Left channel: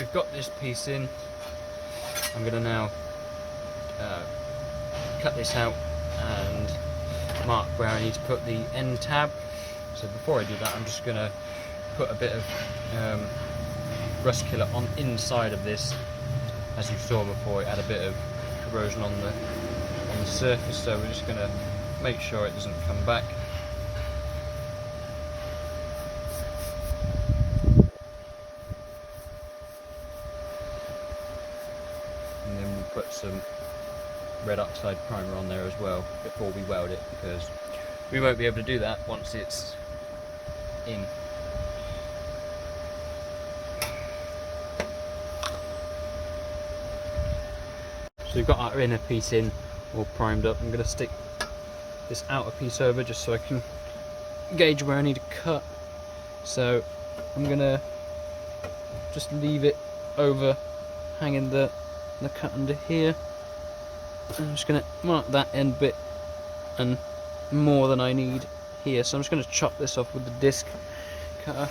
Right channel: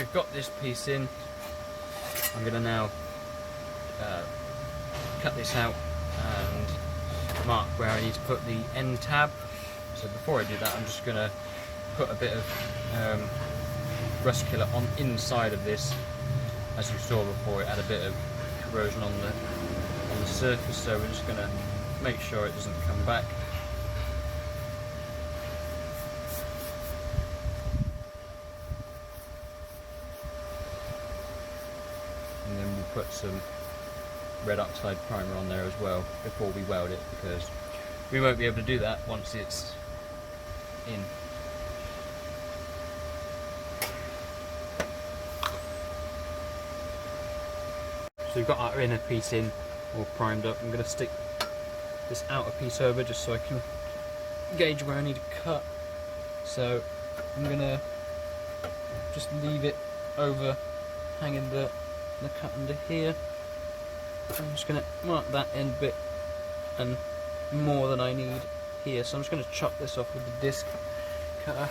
we've got this piece in, I'm going to now cut this out and mark where I need to put the end tab. So before I do that, I'm just going to put a bit of rust killer on inside of this. As you saw before, it had a bit of corrosion on the surface, so we're just going to make sure it doesn't come back. And then we'll put some red oxide primer on there as well before we weld it, because we won't be able to do that once it's in. So we've got our inner piece in, all primed up. I'm going to stick this outer piece over just so I can gauge where I need to cut. So I'm going to just leave it over, hanging the cut under here. I'm just going to mark that end bit and more than I need here. So I'm just going to chop this off with the disc cutter.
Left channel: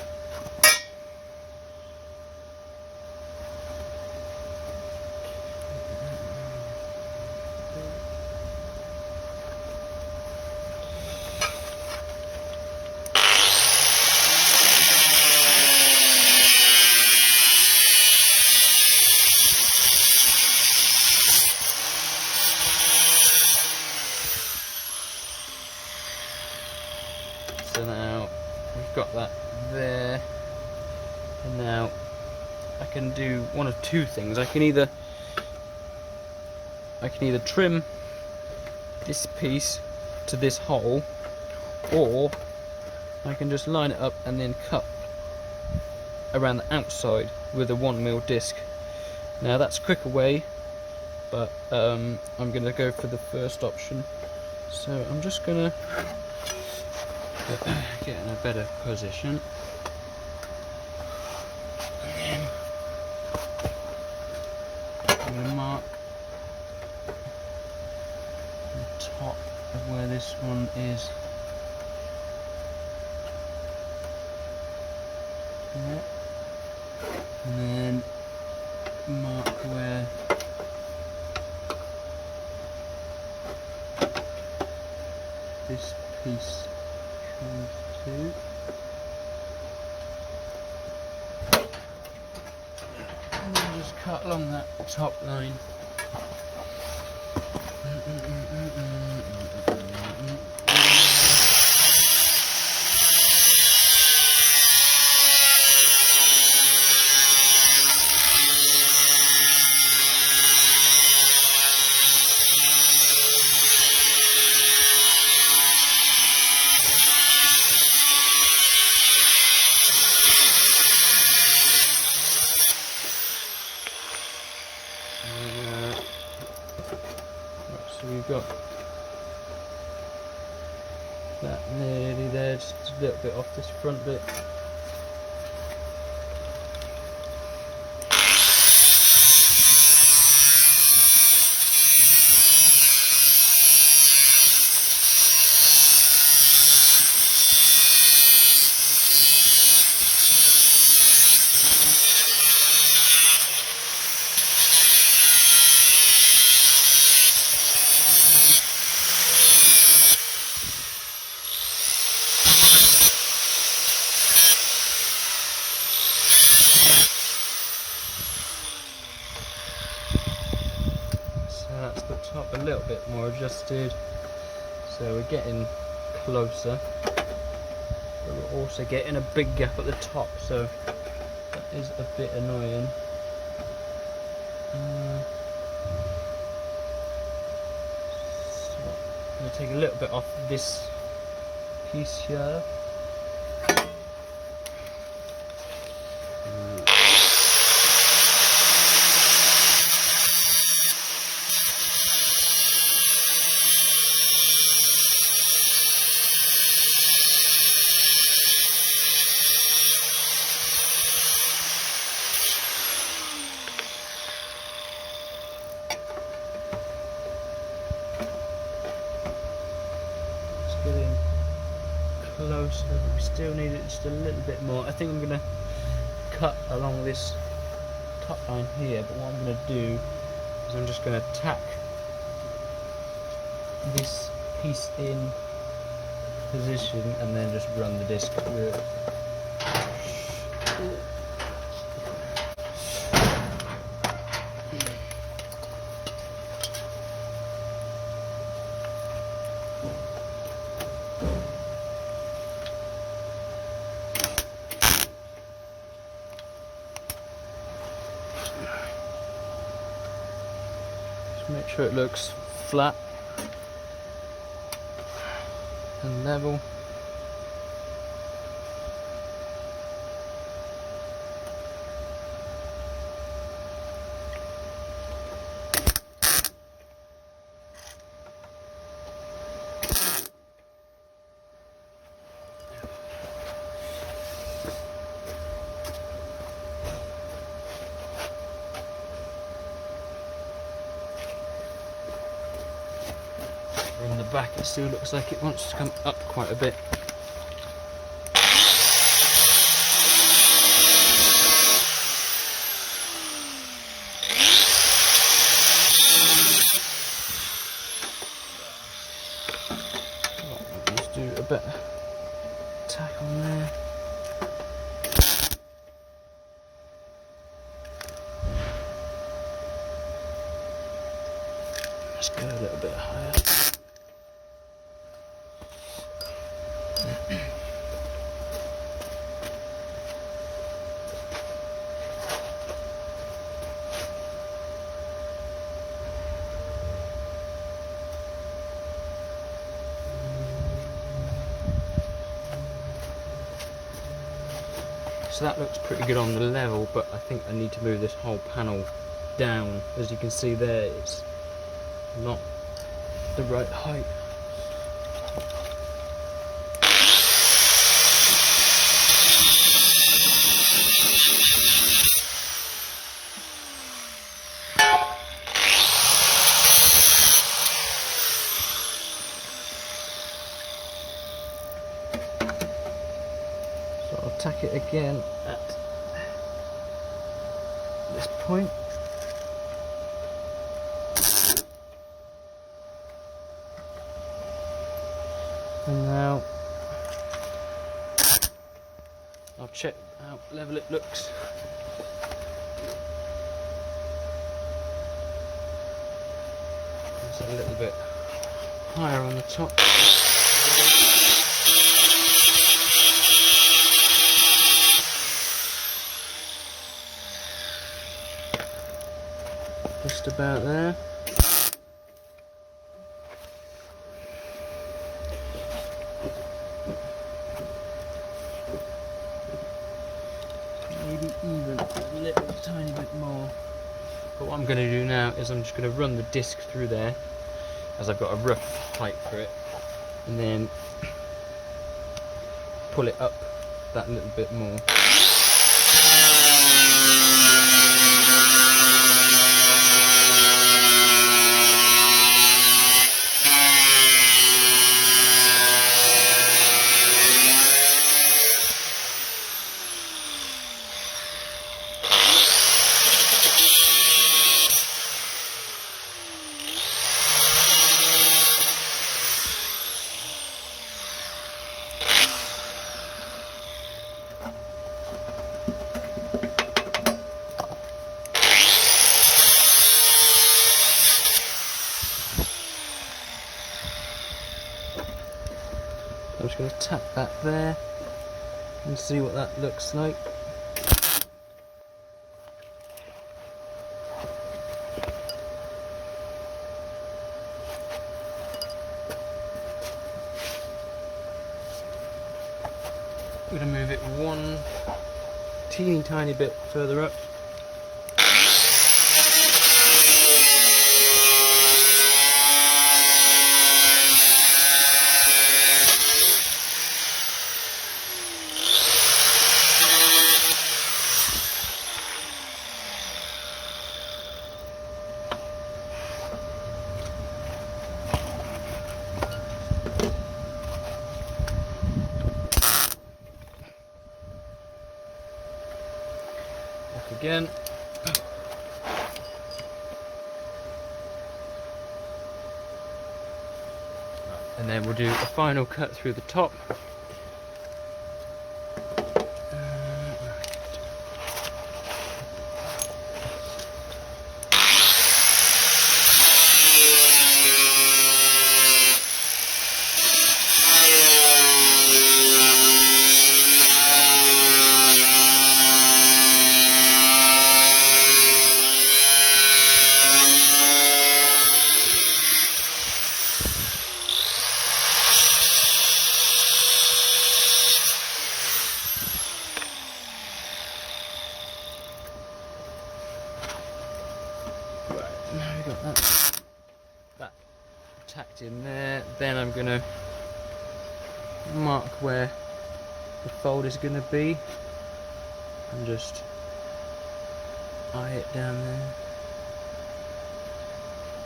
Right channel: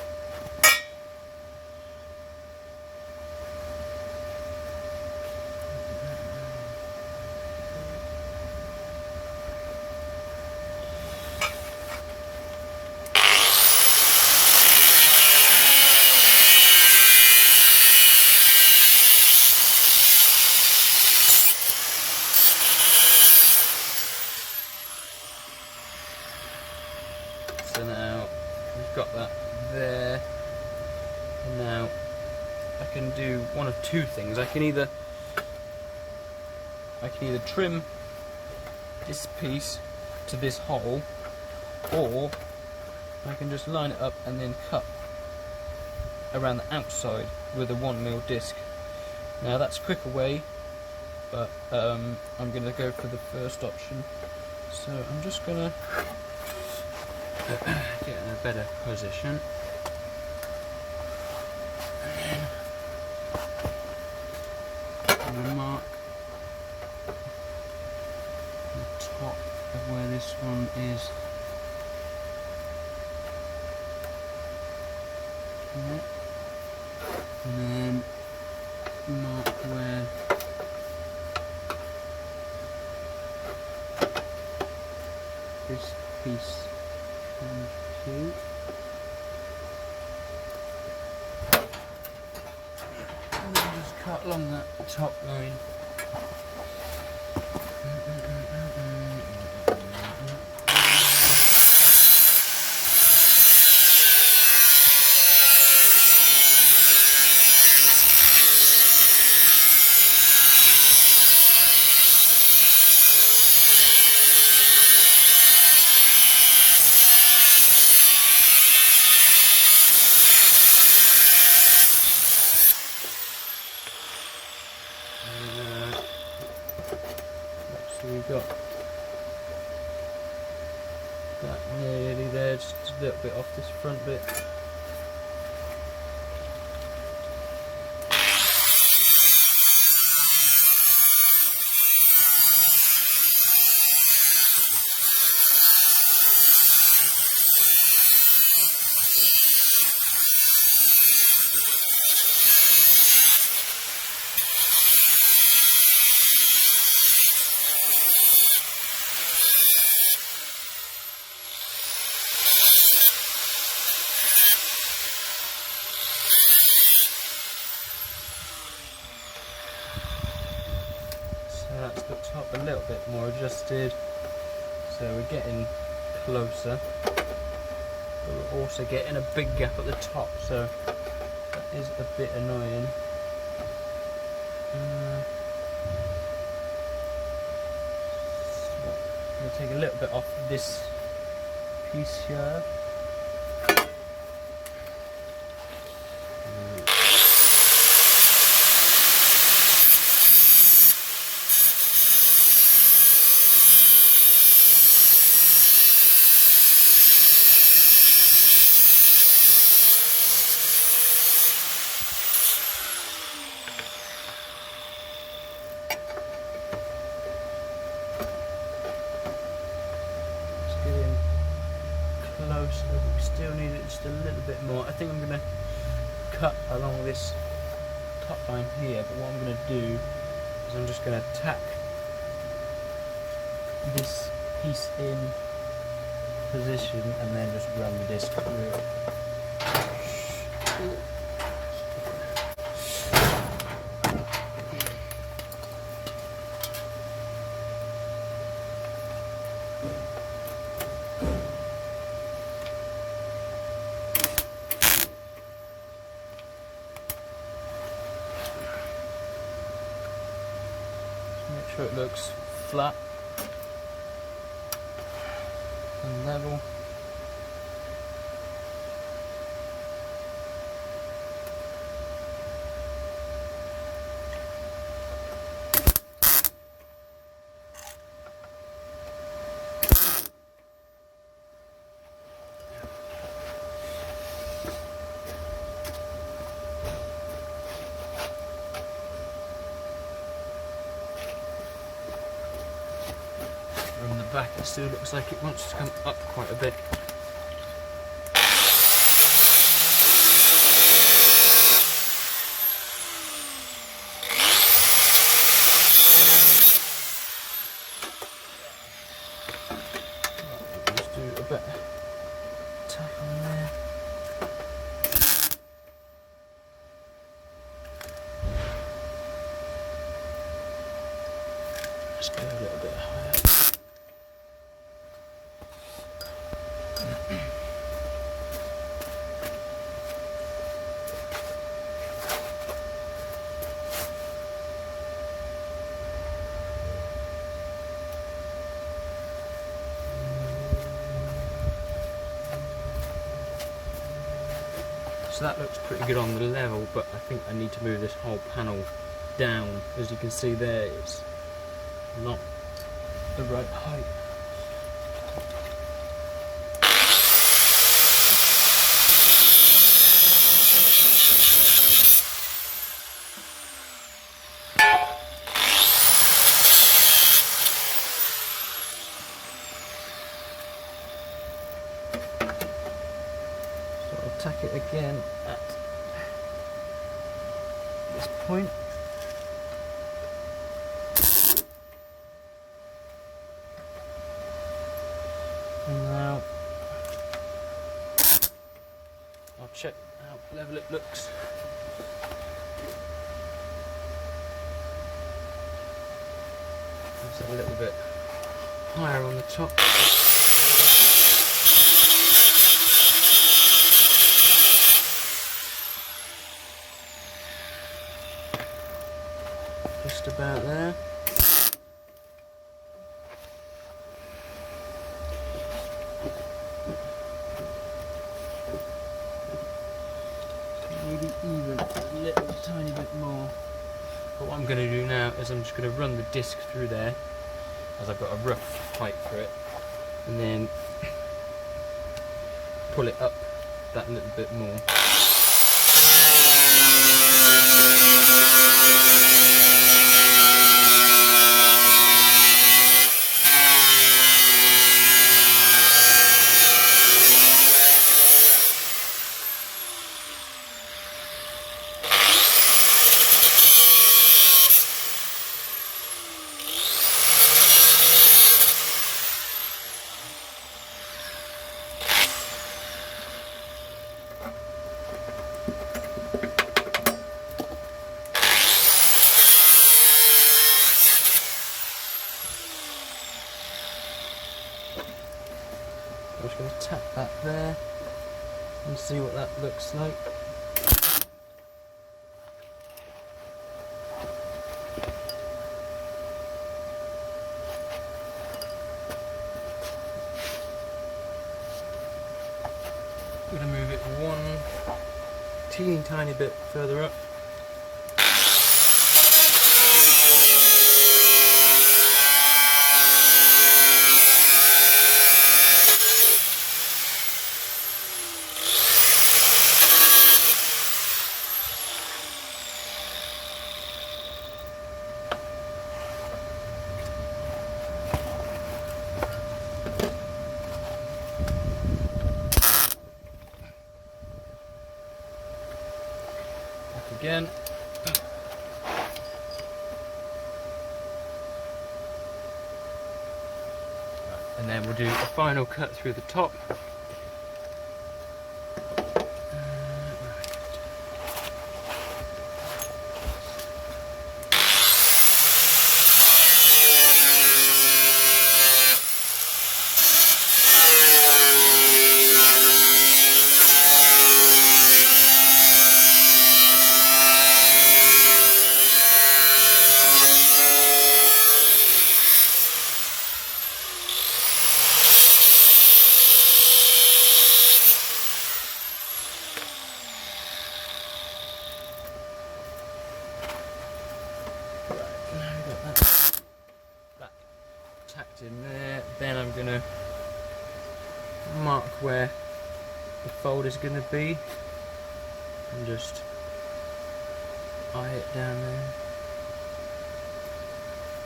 So now we've got that there, and now I can do one of two things. I can either trim this piece to this hole, or I can just line it up and then cut around the outside with a 1mm disc. Now that's a quicker way, but I'm going to go for the first option. So I'm just going to get in a better position, and then I'm going to mark the top of where this one is. And then mark where this piece comes to. And then just cut along that top line. So we've got that nearly there, just a little bit off this front bit. That's the top a little bit more adjusted, so we're getting closer, but we're also getting a big gap at the top, so that is a bit annoying. So I'm going to take a little bit off this piece here. Getting close, but we still need it just a little bit more. I think I'm going to cut along this cut line here, but what I'm going to do is I'm just going to tack this piece in position and then just run the disc through. Make sure it looks flat and level. From the back it still looks like it wants to come up quite a bit. Just do a bit tack on there. Just go a little bit higher. So that looks pretty good on the level, but I think I need to move this whole panel down. As you can see there, it's not the right height. So I'll tack it again at this point. And now I'll check how level it looks. It's a little bit higher on the top. Just about there. Maybe even a little tiny bit more. But what I'm going to do now is I'm just going to run the disc through there, as I've got a rough height for it, and then pull it up that little bit more. I'm just going to tap that there and see what that looks like. I'm going to move it one teeny tiny bit further up. Again. and then we'll do a final cut through the top. That tacked in there. Then I'm gonna mark where the fold is gonna be and just eye it down there.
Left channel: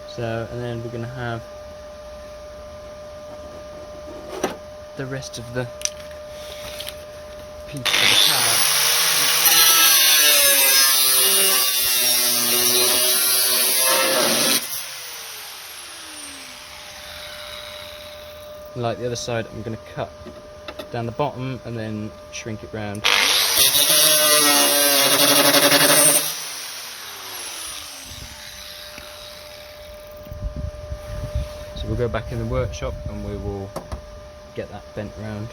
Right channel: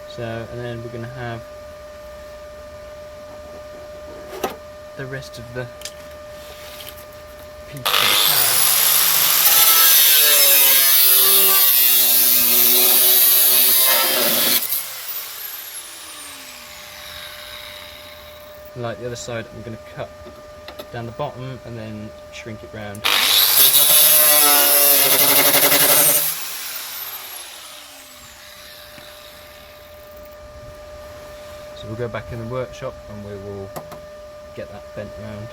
So, and then we're gonna have the rest of the piece of the tab. Like the other side, I'm going to cut down the bottom and then shrink it round. So we'll go back in the workshop and we will get that bent round.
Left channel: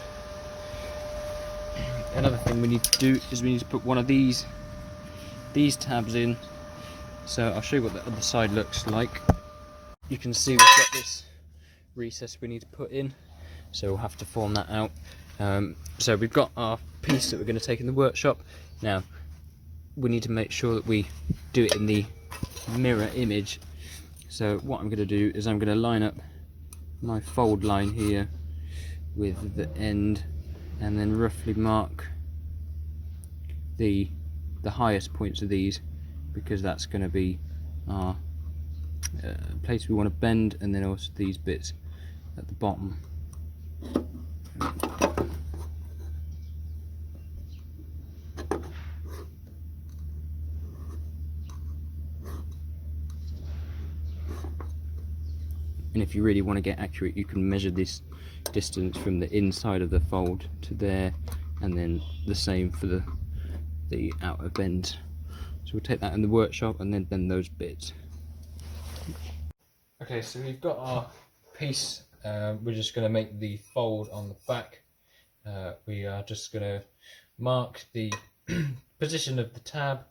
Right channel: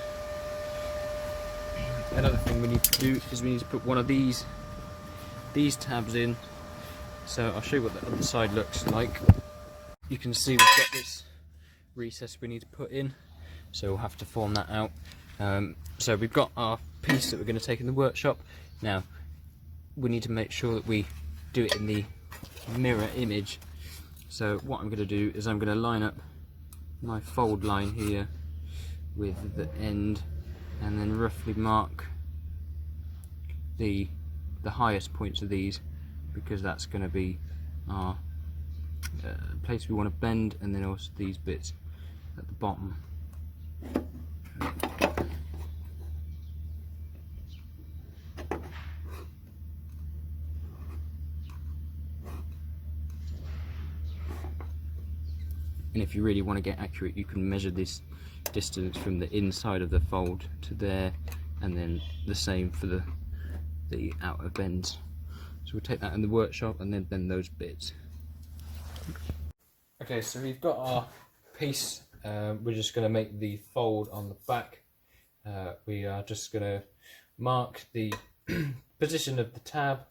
Another thing we need to do is we need to put one of these tabs in. So I'll show you what the other side looks like. You can see we've got this recess we need to put in, so we'll have to form that out. So we've got our piece that we're going to take in the workshop. Now we need to make sure that we do it in the mirror image. So what I'm going to do is I'm going to line up my fold line here with the end and then roughly mark the highest points of these, because that's going to be our place we want to bend, and then also these bits at the bottom. And if you really want to get accurate, you can measure this distance from the inside of the fold to there, and then the same for the outer bend. So we'll take that in the workshop and then bend those bits. Okay, so we've got our piece. We're just going to make the fold on the back. We are just going to mark the position of the tab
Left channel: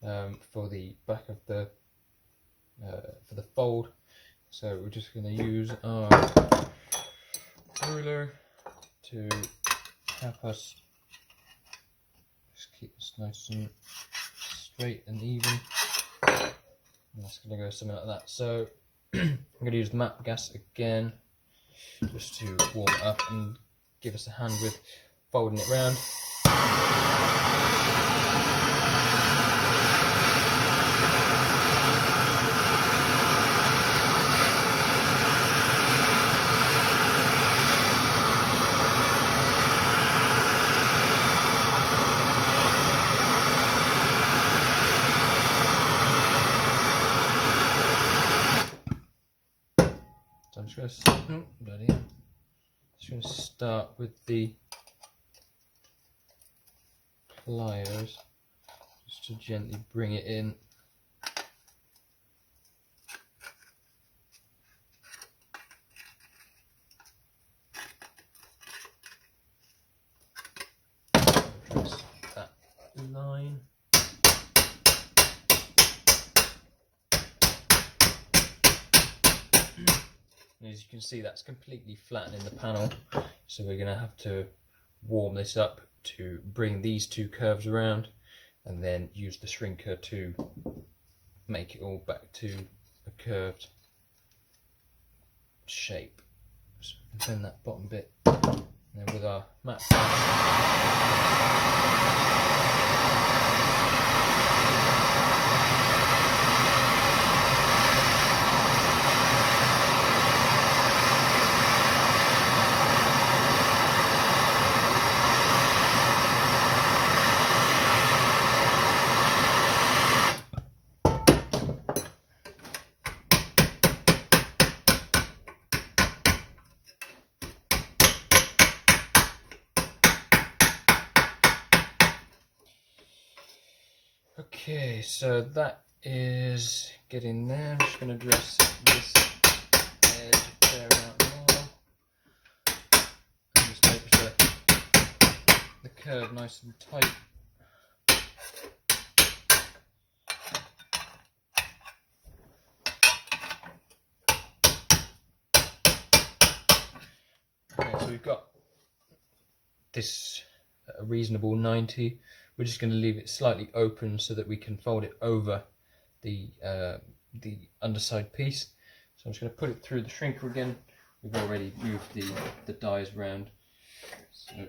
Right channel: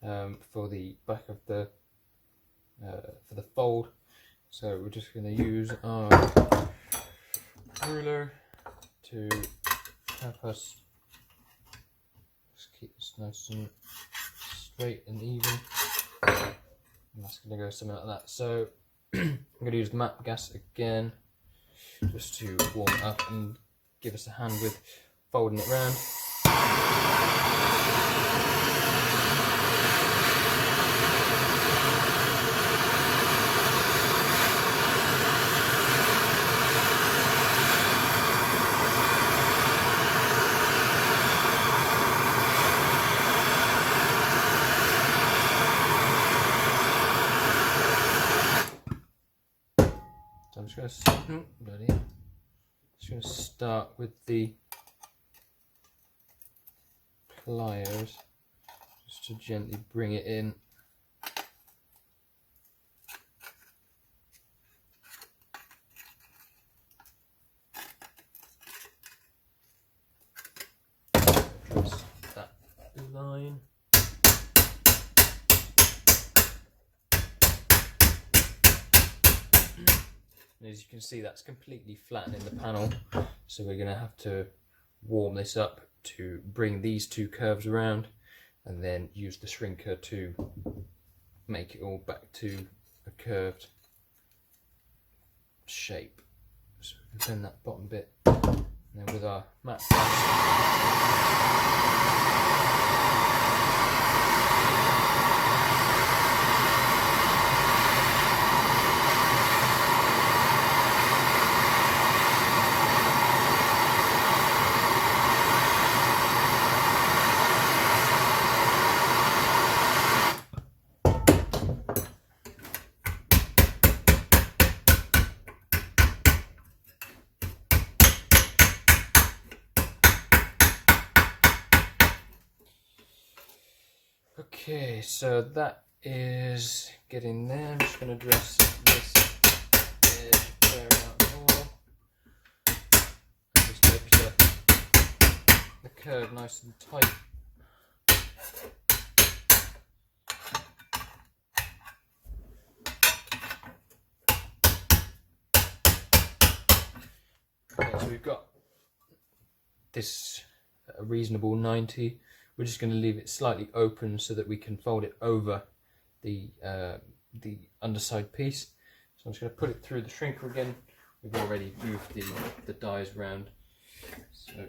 for the back of the for the fold. So we're just going to use our ruler to help us just keep this nice and straight and even. And that's going to go something like that. So I'm going to use map gas again, just to warm it up and give us a hand with folding it round. So I'm just going to start with the pliers, just to gently bring it in. Trace that line. And as you can see, that's completely flattening the panel, so we're going to have to warm this up to bring these two curves around, and then use the shrinker to make it all back to a curved shape. So we can bend that bottom bit, and then with our mat Okay, so that is getting there. I'm just going to dress this edge there out more. And just make the curve nice and tight. Okay, so we've got this a reasonable 90. We're just going to leave it slightly open so that we can fold it over the underside piece. So I'm just going to put it through the shrinker again. We've already moved the dies around. So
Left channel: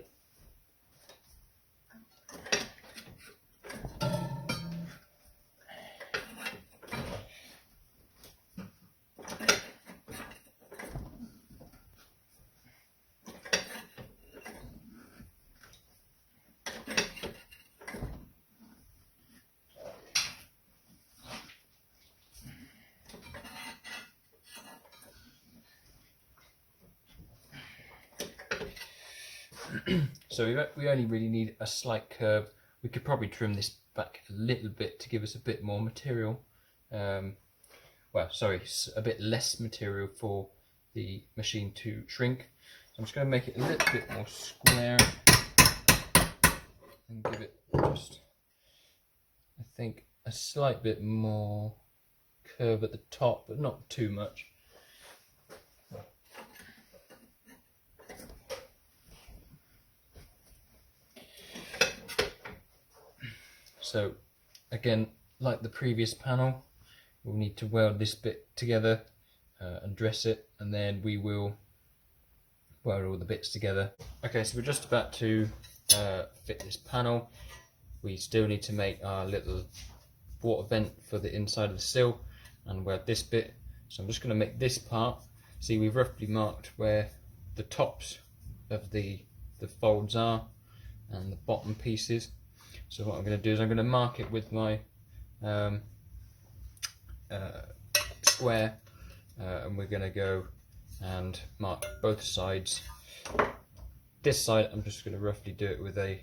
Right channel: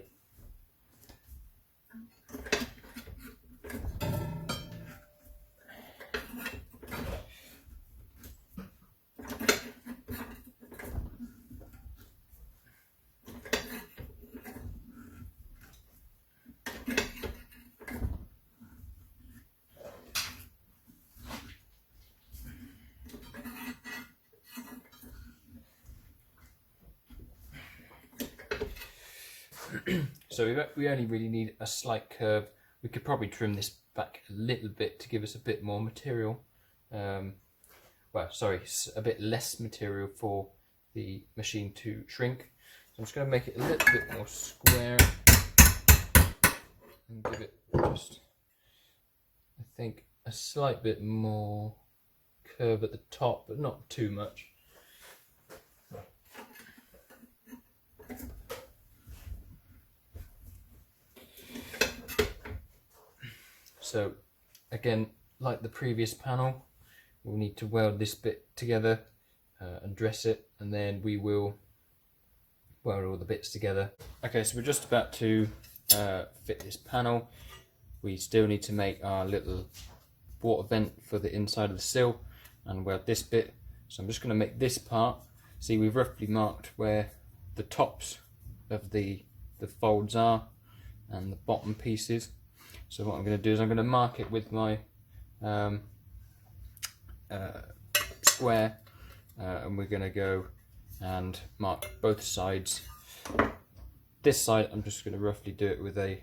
so we only really need a slight curve. We could probably trim this back a little bit to give us a bit more material. Well, sorry, a bit less material for the machine to shrink. So I'm just going to make it a little bit more square and give it just, I think, a slight bit more curve at the top, but not too much. So again, like the previous panel, we'll need to weld this bit together and dress it, and then we will weld all the bits together. Okay, so we're just about to fit this panel. We still need to make our little water vent for the inside of the sill and weld this bit. So I'm just going to make this part. See, we've roughly marked where the tops of the folds are and the bottom pieces. So what I'm going to do is I'm going to mark it with my square, and we're going to go and mark both sides. This side I'm just going to roughly do it with a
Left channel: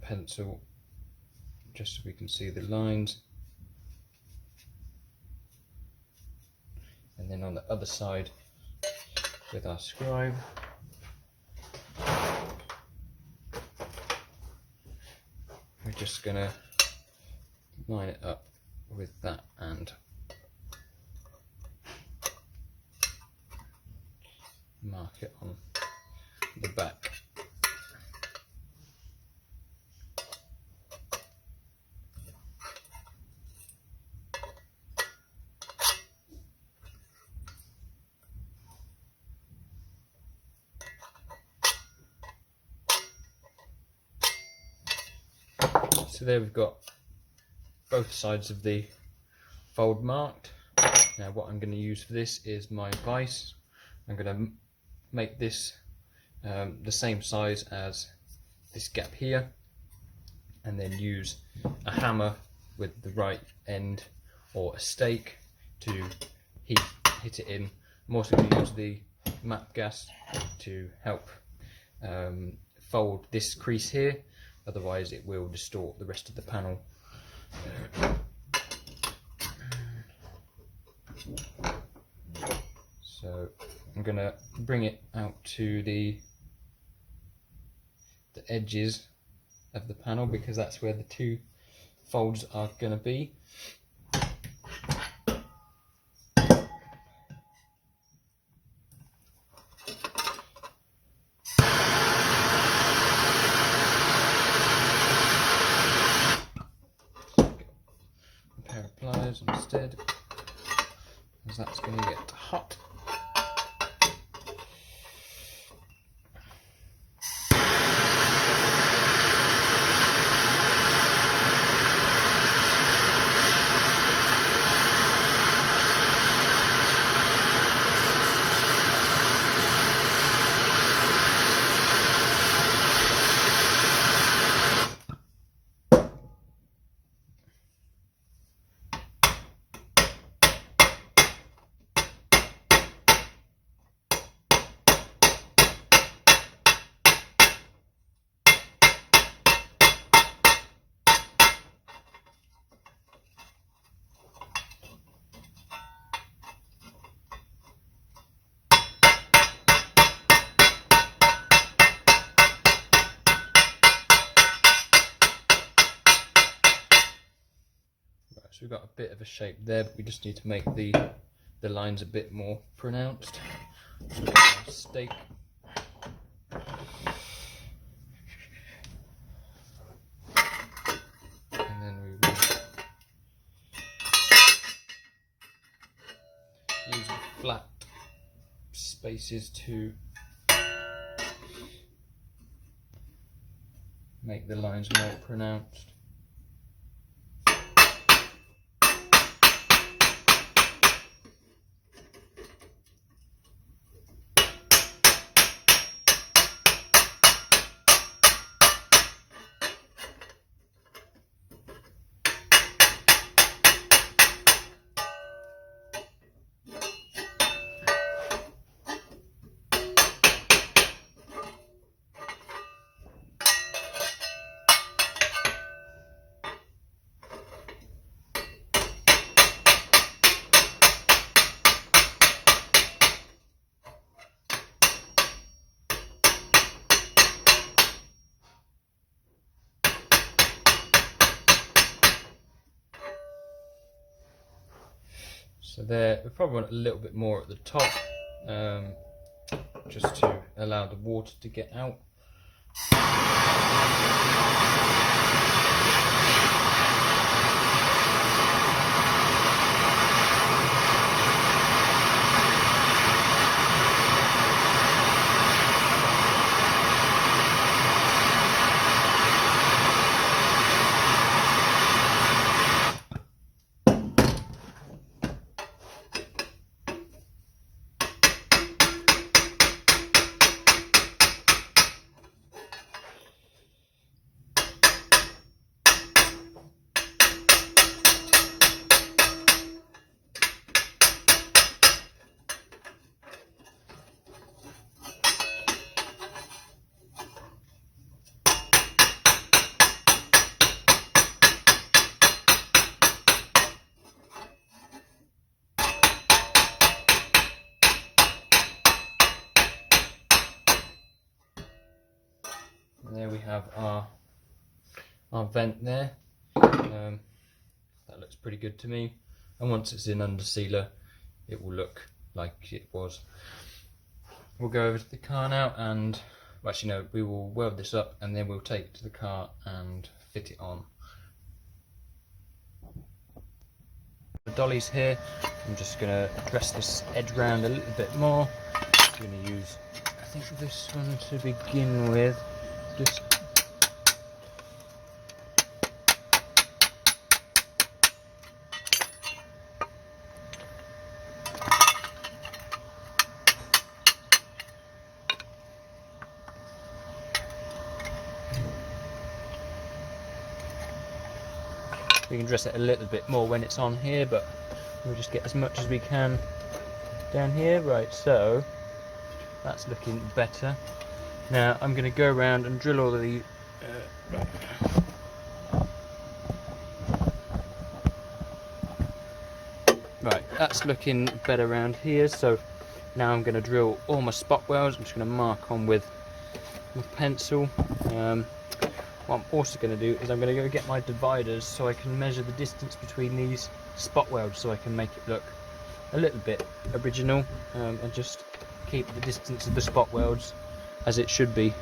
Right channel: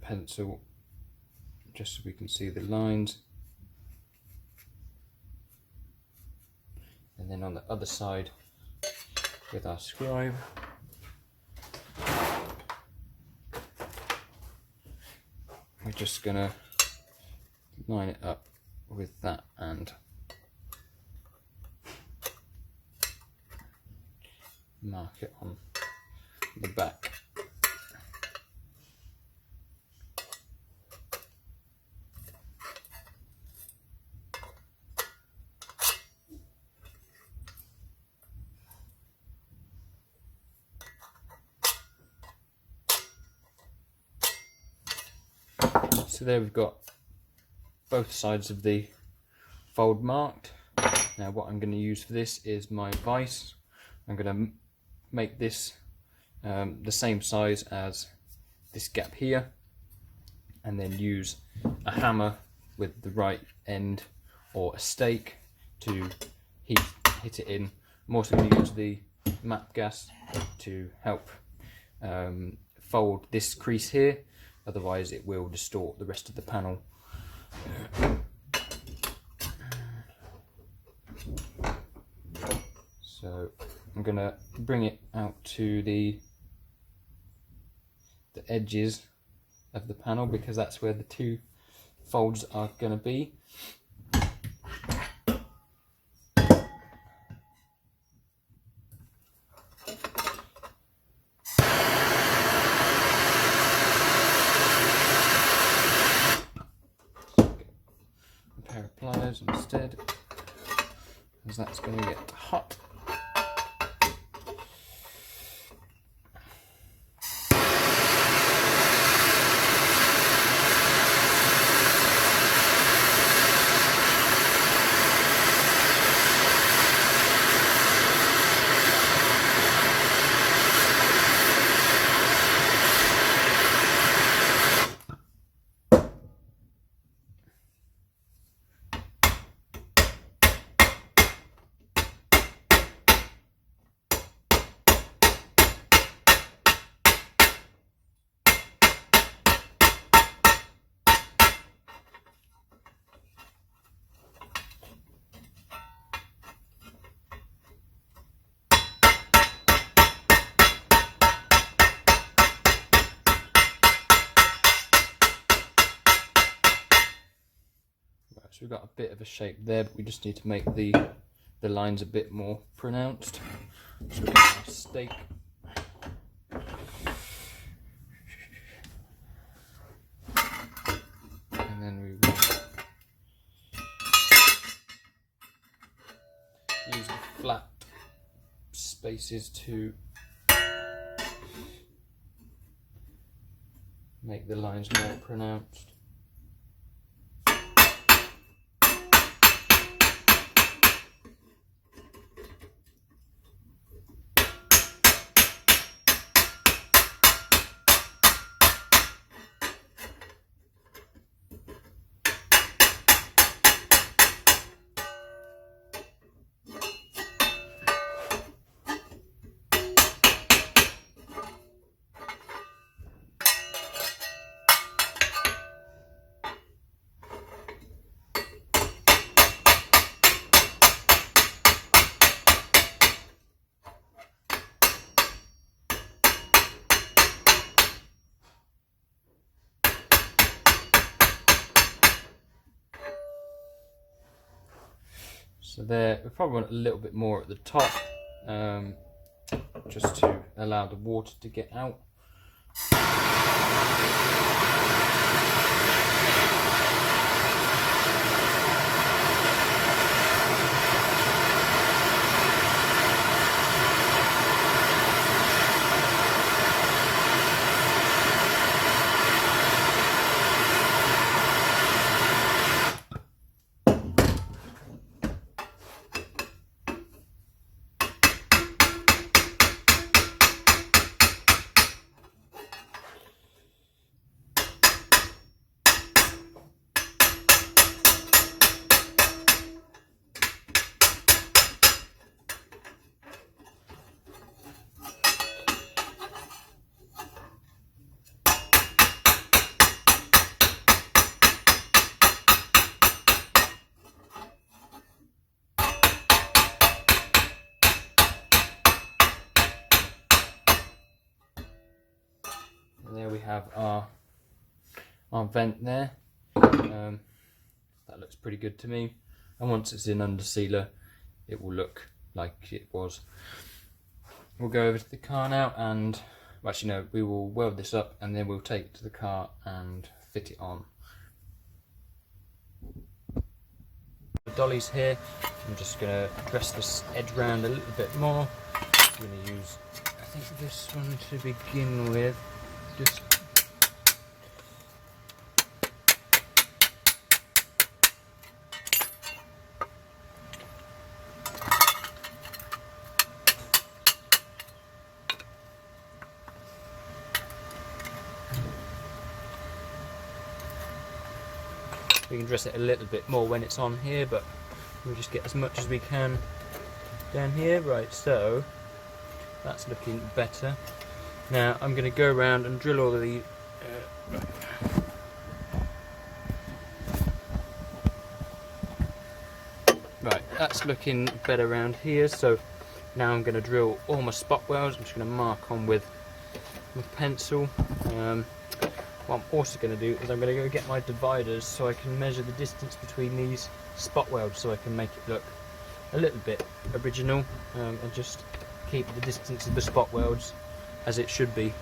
pencil, just so we can see the lines. And then on the other side with our scribe. We're just going to line it up with that and mark it on the back. So there we've got both sides of the fold marked. Now what I'm going to use for this is my vise. I'm going to make this the same size as this gap here, and then use a hammer with the right end or a stake to hit it in. I'm also going to use the map gas to help fold this crease here, otherwise it will distort the rest of the panel. So I'm going to bring it out to the edges of the panel, because that's where the two folds are going to be. A pair of pliers instead, because that's going to get hot. we've got a bit of a shape there, but we just need to make the lines a bit more pronounced. So we've got our stake. And then we will use the flat spaces to make the lines more pronounced. So there, we probably want a little bit more at the top, just to allow the water to get out. And there we have our vent there. That looks pretty good to me. And once it's in under sealer, it will look like it was. We'll go over to the car now, and well, actually no, we will weld this up and then we'll take it to the car and fit it on. The dolly's here. I'm just going to dress this edge round a little bit more. I'm going to use, I think, this one to begin with. Just we can dress it a little bit more when it's on here, but we'll just get as much as we can down here. Right, so that's looking better. Now I'm going to go around and drill all of the right, that's looking better around here. So now I'm going to drill all my spot welds. I'm just going to mark on with pencil. What I'm also going to do is I'm going to go get my dividers so I can measure the distance between these spot welds, so I can make it look a little bit original, and just keep the distance of the spot welds as it should be.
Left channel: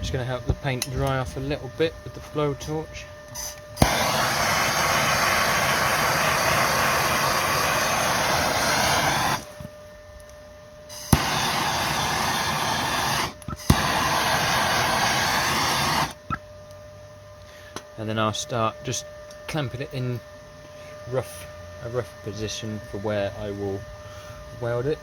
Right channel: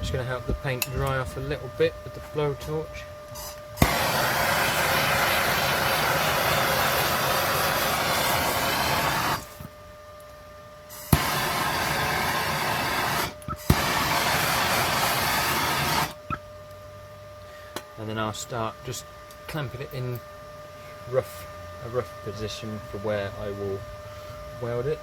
Just going to help the paint dry off a little bit with the blowtorch. And then I'll start just clamping it in a rough position for where I will weld it.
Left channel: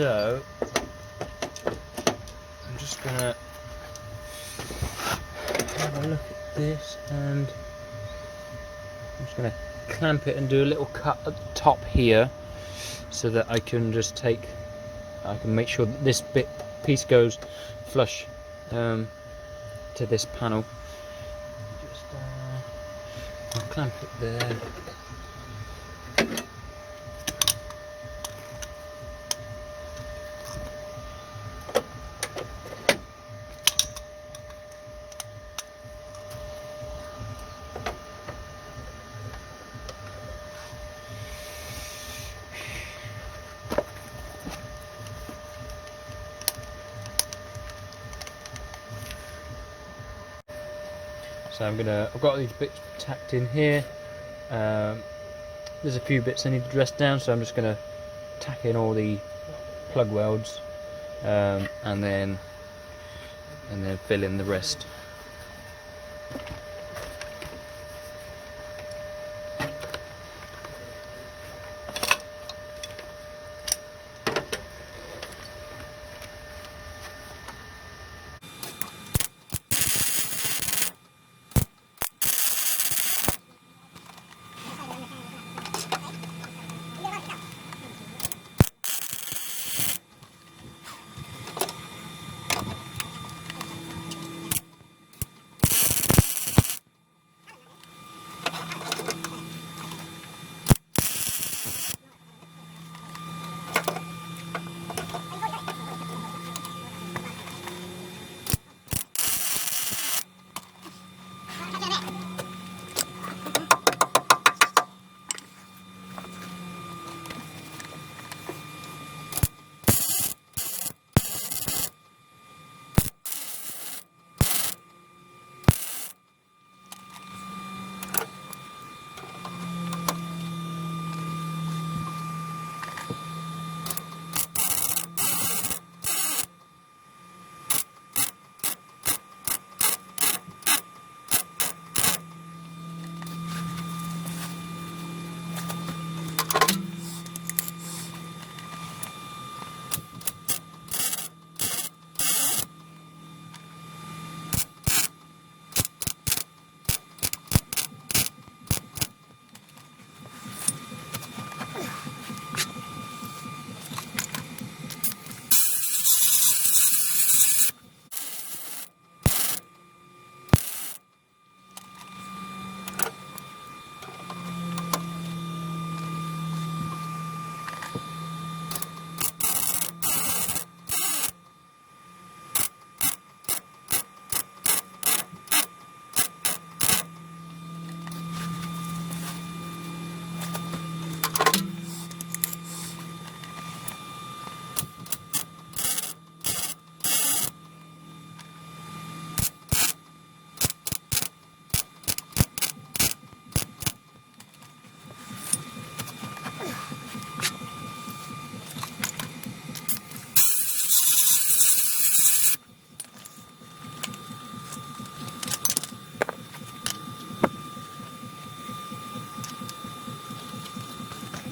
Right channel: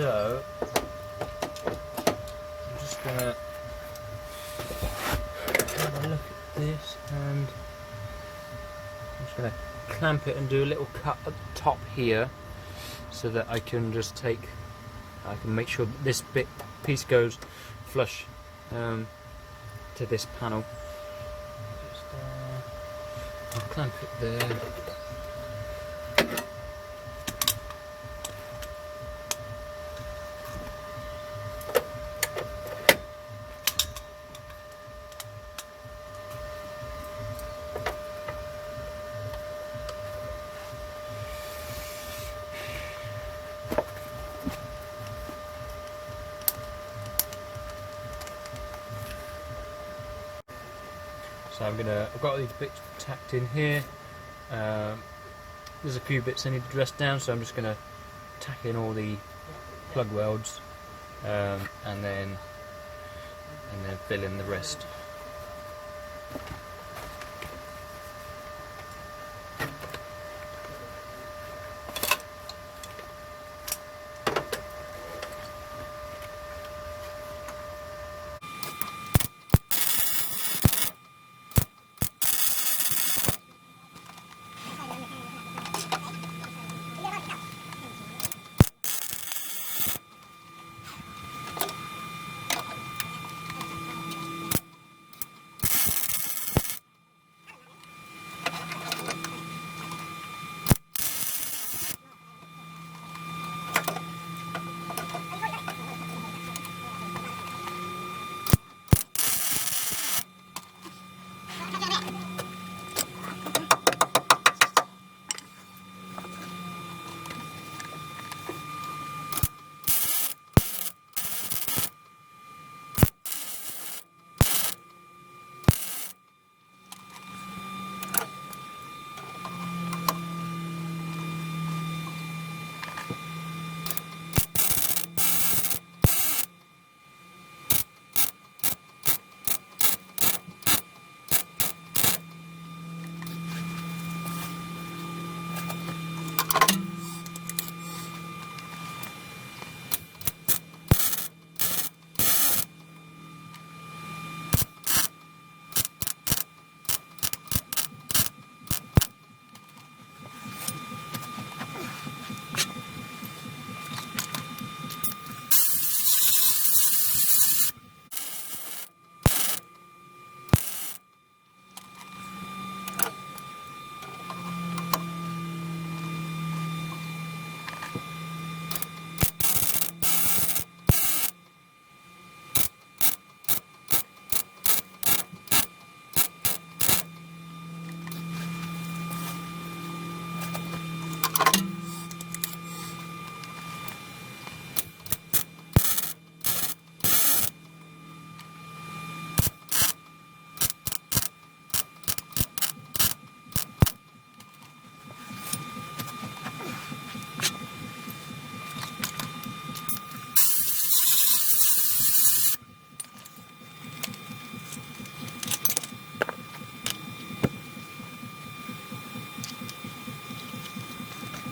So I'm just gonna have a look at this, and I'm just gonna clamp it and do a little cut at the top here, so that I can make sure that this piece goes flush to this panel. Just I'll clamp it there. So I've got these bits tacked in here. There's a few bits I need to dress down, so I'm just gonna tack in all the plug welds, and then fill in the rest.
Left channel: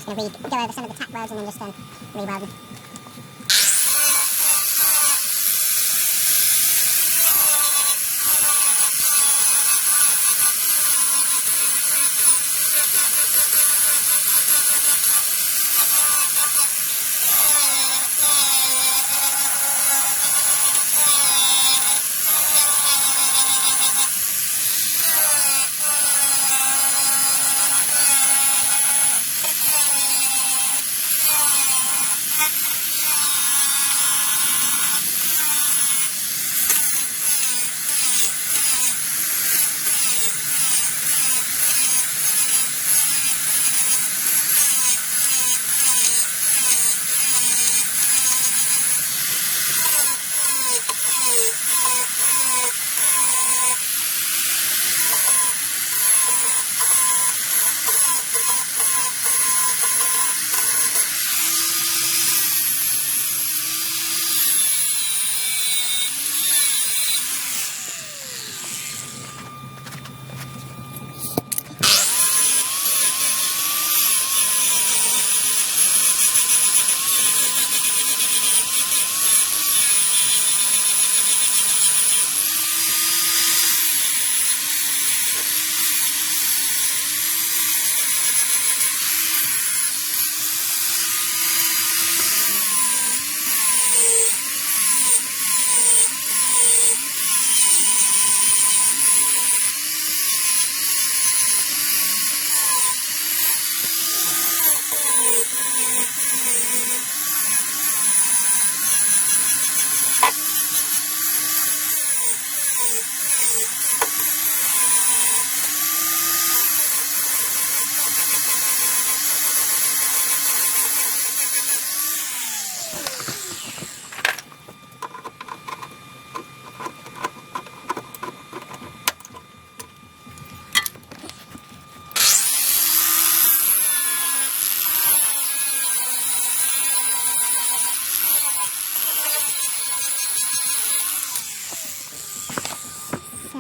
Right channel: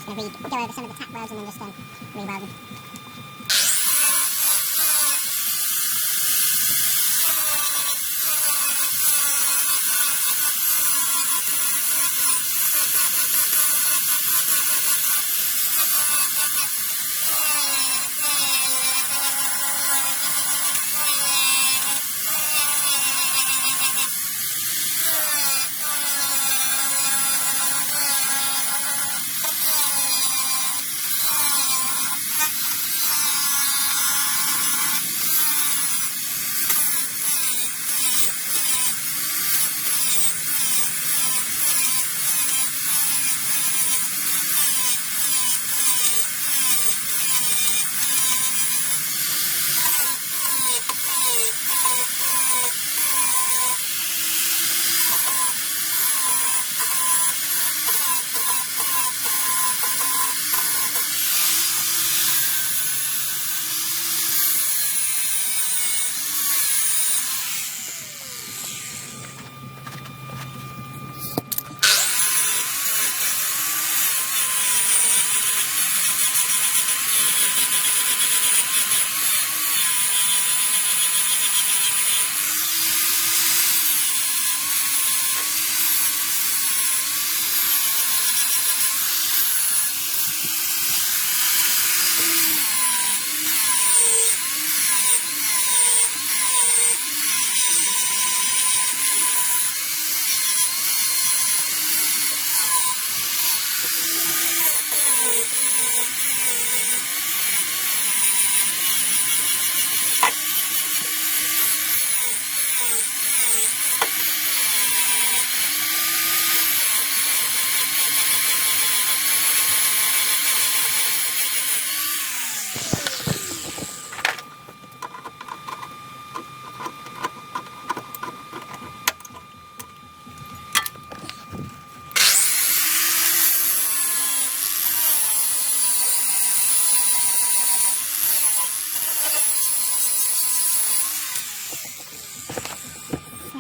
Go over some of the tack welds and then just re-weld them.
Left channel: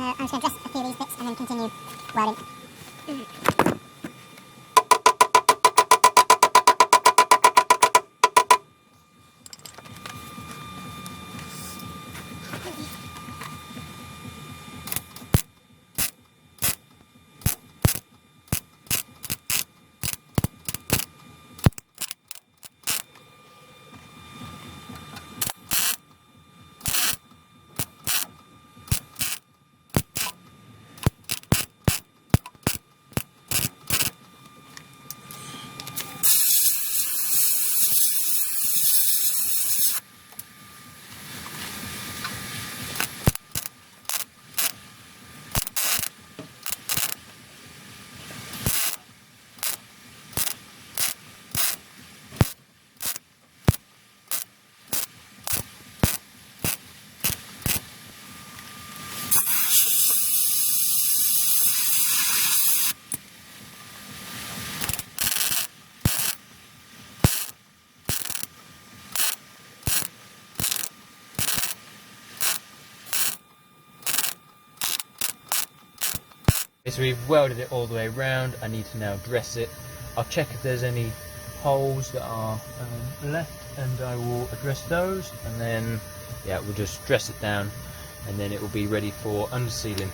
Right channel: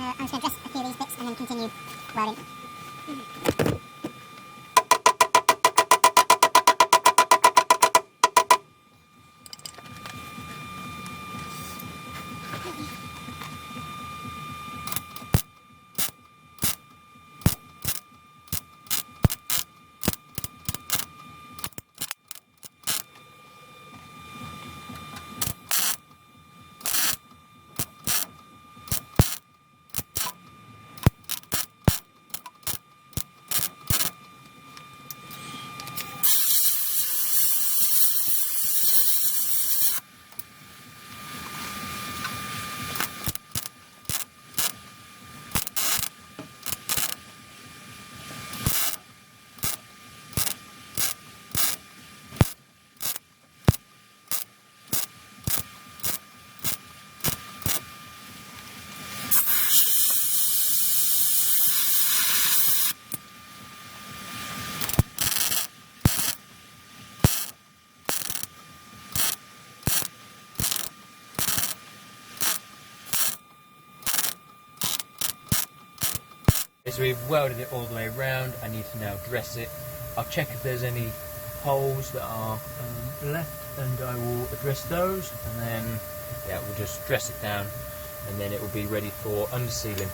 I'm just going to dress a few of these bits and then continue welding. So we've welded it all the way around. I need to now dress it. I'll check if there's any holes that are left, and I will address those, and then yeah, we'll just dress it down, and then it will be ready for undersealing.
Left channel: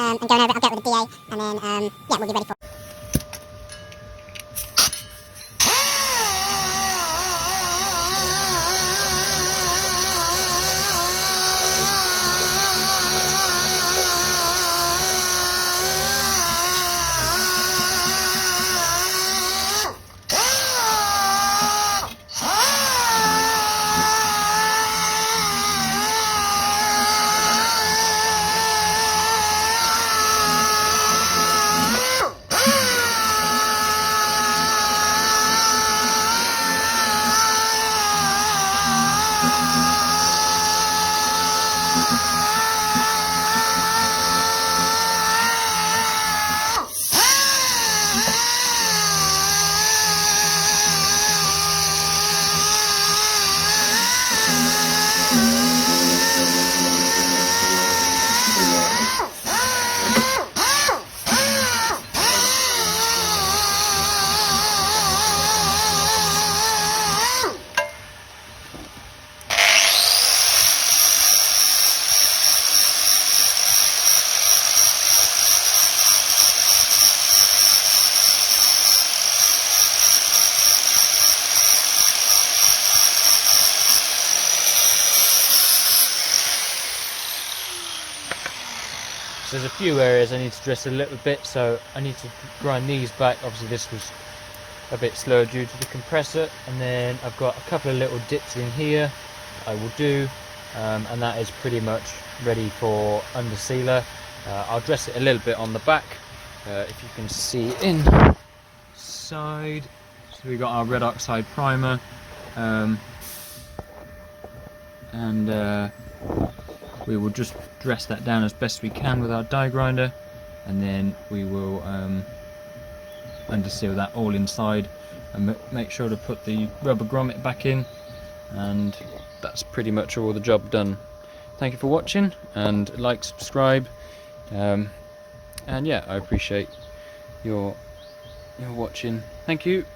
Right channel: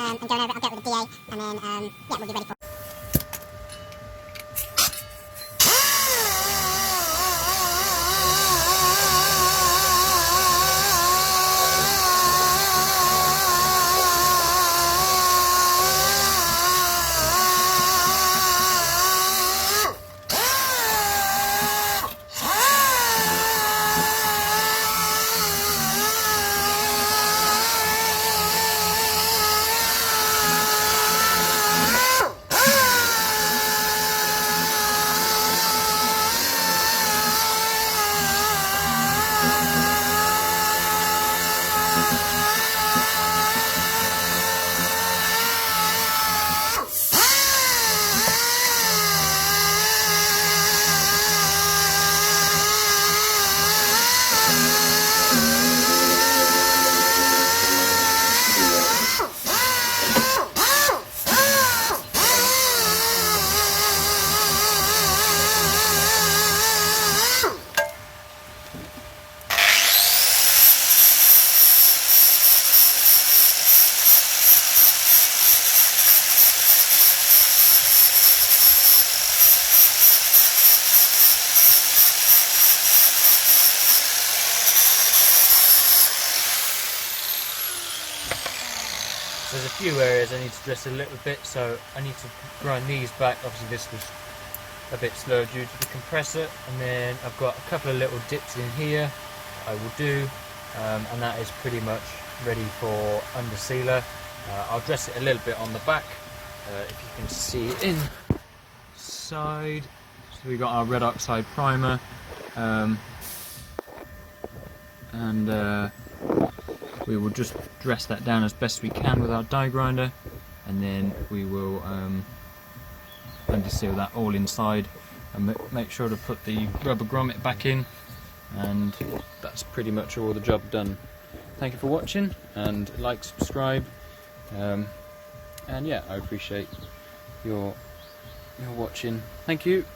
and going over it, I'll get with the DA, and then yeah, we'll be ready for. So there's a few areas I need to dress a little bit, so I need to grind these back. Obviously this was a bit slow due to the compressor, and then I've got a couple of little dips in here that I will do, and that is pretty much ready for under sealer. I'll dress it a little bit on the back, if you can see inside. So we got our red oxide primer, and we will just dress that down as best we can with our die grinder, and then we will under seal that all inside and make sure to put the rubber grommet back in, and that's pretty much all the job done. Thank you for watching, and like, subscribe, and yeah, I appreciate your watching. Thank you.